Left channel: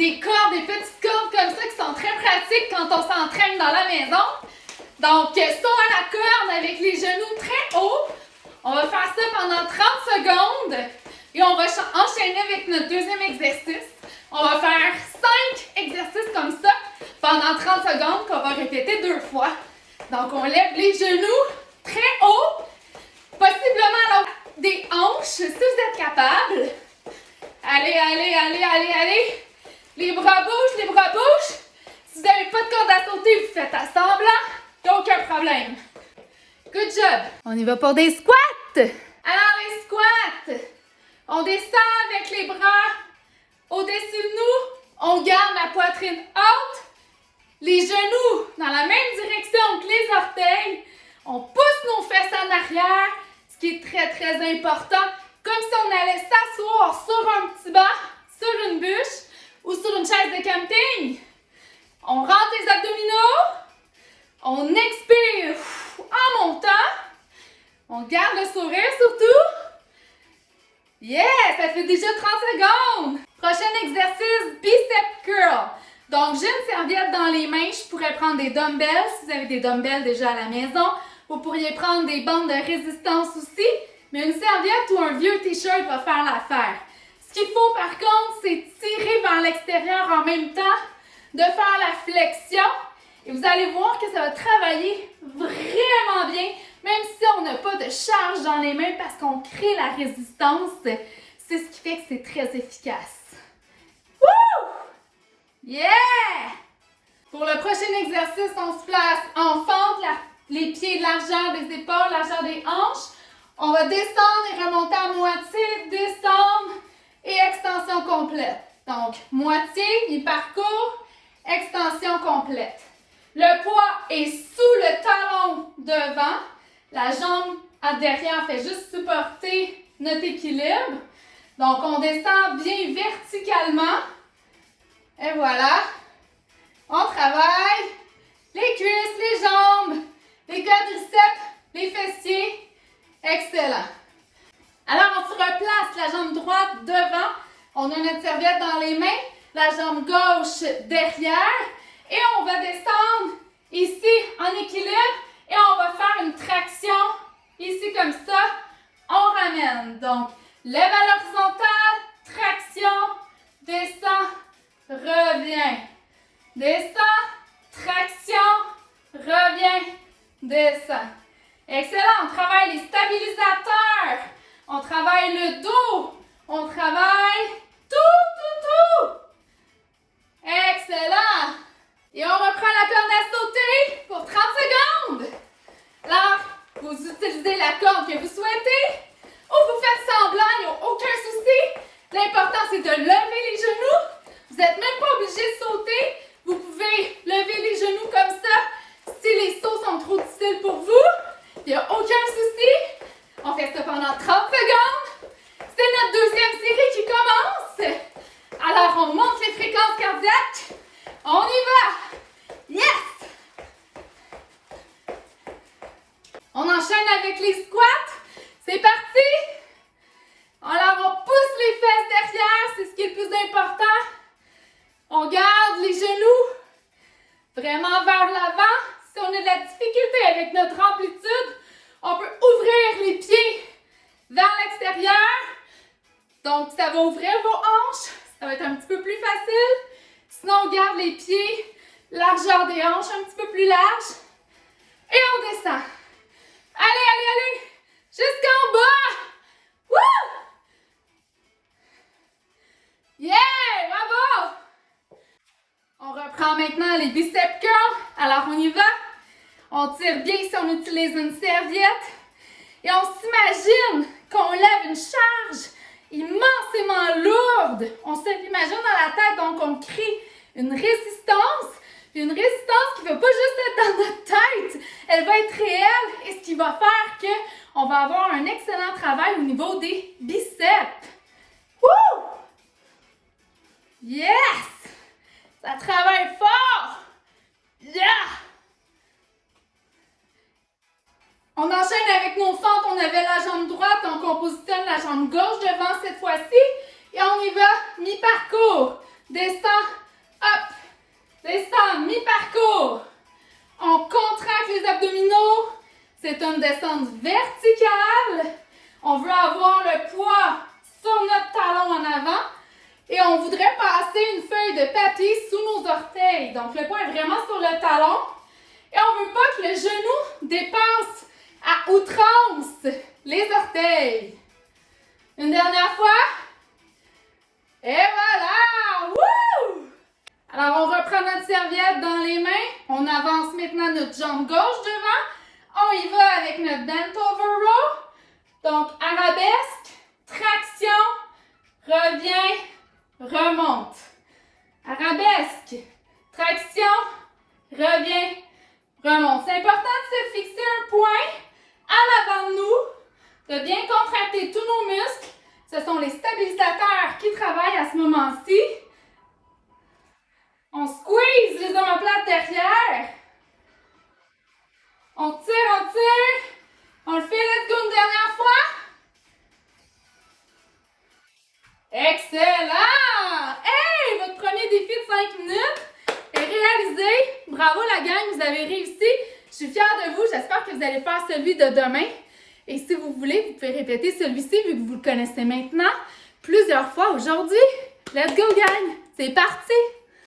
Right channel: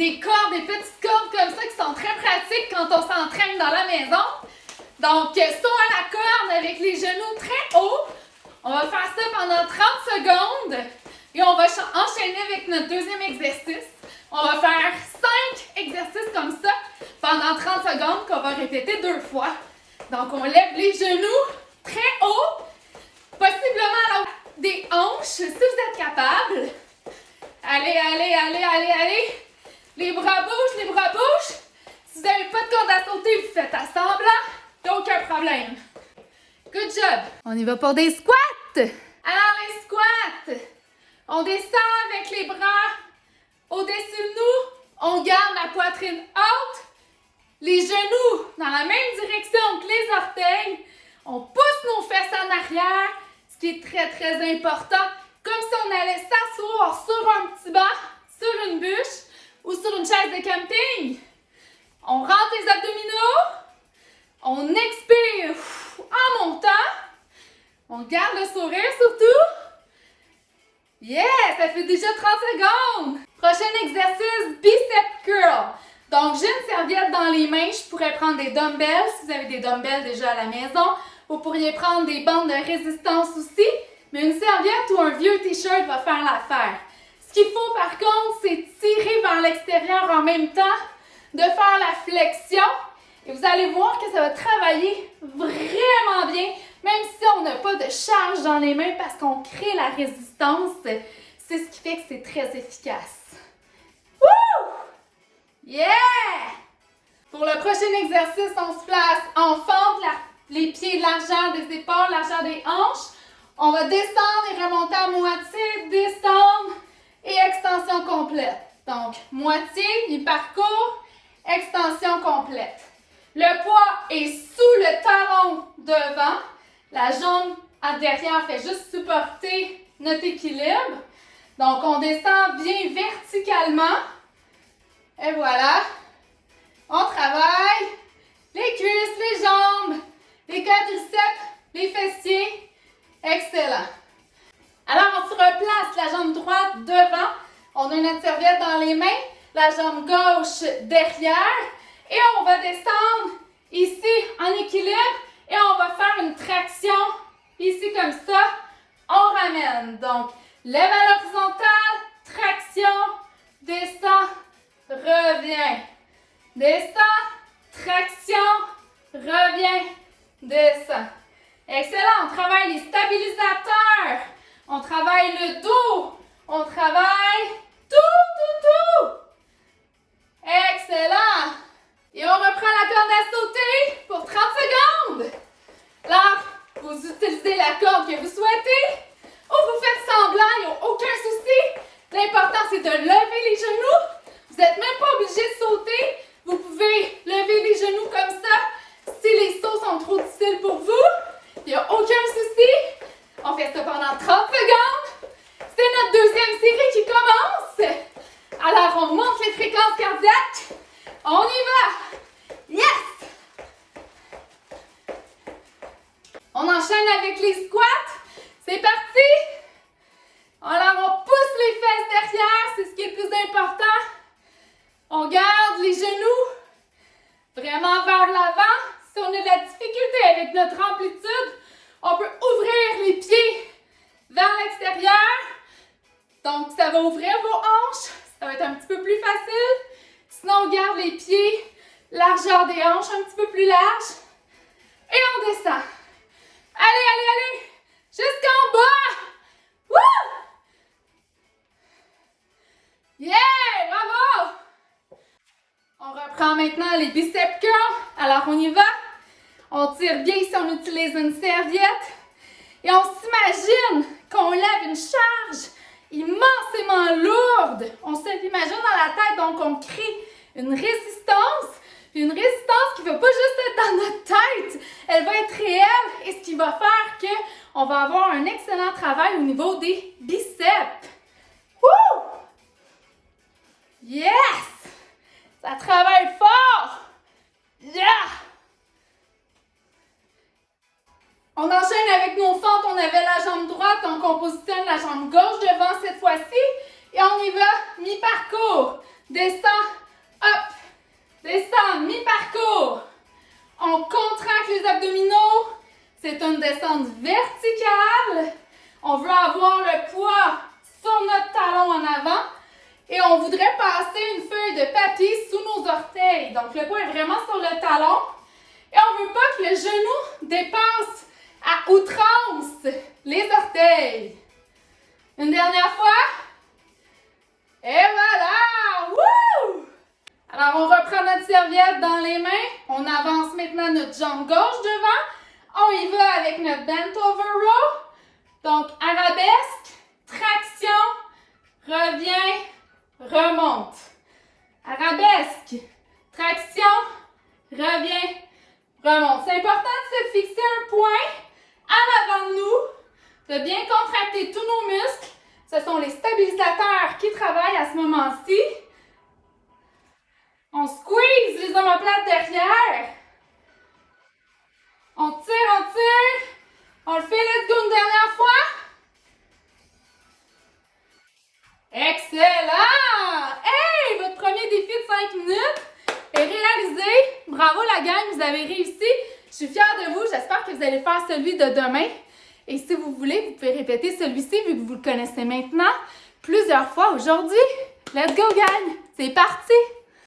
des cordes, des petites cordes comme ça qui sont très pratiques quand on s'entraîne dans la maison. Donc, saut à la corde avec les genoux très hauts. On va faire ça pendant 30 secondes et on va enchaîner avec notre deuxième exercice. On va faire 5 exercices comme ça pendant 30 secondes qu'on va répéter 2 fois. Donc, on lève les genoux très haut, possiblement à l'autre des hanches si vous êtes capable. Allez, allez, allez, allez, allez. Les bras bougent, les bras bougent. Si vous n'avez pas de corde à sauter, vous faites à semblant. Il n'y a aucun problème. Good job. On y va pour des squats. Alors, les squats. On descend avec les bras au-dessus de nous. On garde la poitrine haute. Les genoux dans la même direction que les orteils. On pousse nos fesses en arrière, ce qui est très, très important. Comme si on allait s'asseoir sur un petit banc, sur une bûche ou sur une chaise de camping. On rentre les abdominaux. On expire en montant. On garde le sourire surtout. Yeah! Ça fait déjà 30 secondes. Prochain exercice, bicep curl. Donc, j'ai une serviette dans les mains. Je pourrais prendre des dumbbells. Si vous avez des dumbbells déjà à la maison, vous pourriez prendre des bandes de résistance aussi. Mais une serviette ou un vieux t-shirt va faire l'affaire. Ce qu'il faut par contre, c'est tirer vers l'extérieur en même temps, de faire la flexion. Et vous allez voir que ça va travailler vraiment bien, même si on n'a pas de charge dans les mains parce qu'on crée la résistance. C'est ce qui fait que c'est très efficace. Woo! Yeah! Pour le prochain exercice, on se place en fente, les pieds largeur des épaules, largeur des hanches. On va descendre et remonter à moitié, descendre et extension complète. Donc, moitié, mi-parcours, extension complète. Le poids est sous le talon devant. La jambe derrière fait juste supporter notre équilibre. Donc, on descend bien verticalement. Et voilà. On travaille les cuisses, les jambes, les quadriceps, les fessiers. Excellent. Alors, on se replace la jambe droite devant. On a notre serviette dans les mains. La jambe gauche derrière. Et on va descendre ici en équilibre. Et on va faire une traction ici comme ça. On ramène. Donc, lève à l'horizontale. Traction. Descend. Reviens. Descend. Traction. Reviens. Descend. Excellent. On travaille les stabilisateurs. On travaille le dos. On travaille tout. Excellent. Et on reprend la corde à sauter pour 30 secondes. Alors, vous utilisez la corde que vous souhaitez ou vous faites semblant, il n'y a aucun souci. L'important, c'est de lever les genoux. Vous n'êtes même pas obligé de sauter. Vous pouvez lever les genoux comme ça si les sauts sont trop difficiles pour vous. Il n'y a aucun souci. On fait ça pendant 30 secondes. C'est notre deuxième série qui commence. Alors, on monte les fréquences cardiaques. On y va. Yes! On enchaîne avec les squats. C'est parti. Alors, on pousse les fesses derrière. C'est ce qui est le plus important. On garde les genoux vraiment vers l'avant. Si on a de la difficulté avec notre amplitude, on peut ouvrir les pieds vers l'extérieur. Donc, ça va ouvrir vos hanches. Ça va être un petit peu plus facile. Sinon, on garde les pieds, largeur des hanches un petit peu plus large. Et on descend. Allez, allez, allez! Jusqu'en bas! Wouh! Yeah! Bravo! On reprend maintenant les biceps curls. Alors, on y va. On tire bien si on utilise une serviette. Et on s'imagine qu'on lève une charge immensément lourde. On se l'imagine dans la tête, donc on crée une résistance. Une résistance qui ne va pas juste être dans notre tête, elle va être réelle et ce qui va faire qu'on va avoir un excellent travail au niveau des biceps. Wouh! Yes! Ça travaille fort! Yeah! On enchaîne avec nos fentes. On avait la jambe droite, donc on positionne la jambe gauche devant cette fois-ci. Et on y va mi-parcours. descends, hop, descends, mi-parcours. On contracte les abdominaux. C'est une descente verticale. On veut avoir le poids sur notre talon en avant. Et on voudrait passer une feuille de papier sous nos orteils. Donc, le poids est vraiment sur le talon. Et on ne veut pas que le genou dépasse à outrance les orteils. Une dernière fois. Et voilà! Wouh! Alors, on reprend notre serviette dans les mains. On avance maintenant notre jambe gauche devant. On y va avec notre bent over row. Donc, arabesque, traction, reviens, remonte. Arabesque, traction, reviens, remonte. C'est important de se fixer un point en avant de nous, de bien contracter tous nos muscles. Ce sont les stabilisateurs qui travaillent à ce moment-ci. On squeeze les omoplates derrière. On tire, on tire. On le fait, let's go une dernière fois. Excellent! Hey! Votre premier défi de 5 minutes est réalisé. Bravo la gang, vous avez réussi. Je suis fière de vous. J'espère que vous allez faire celui de demain. Et si vous voulez, vous pouvez répéter celui-ci vu que vous le connaissez maintenant plusieurs fois aujourd'hui. Let's go gang! C'est parti!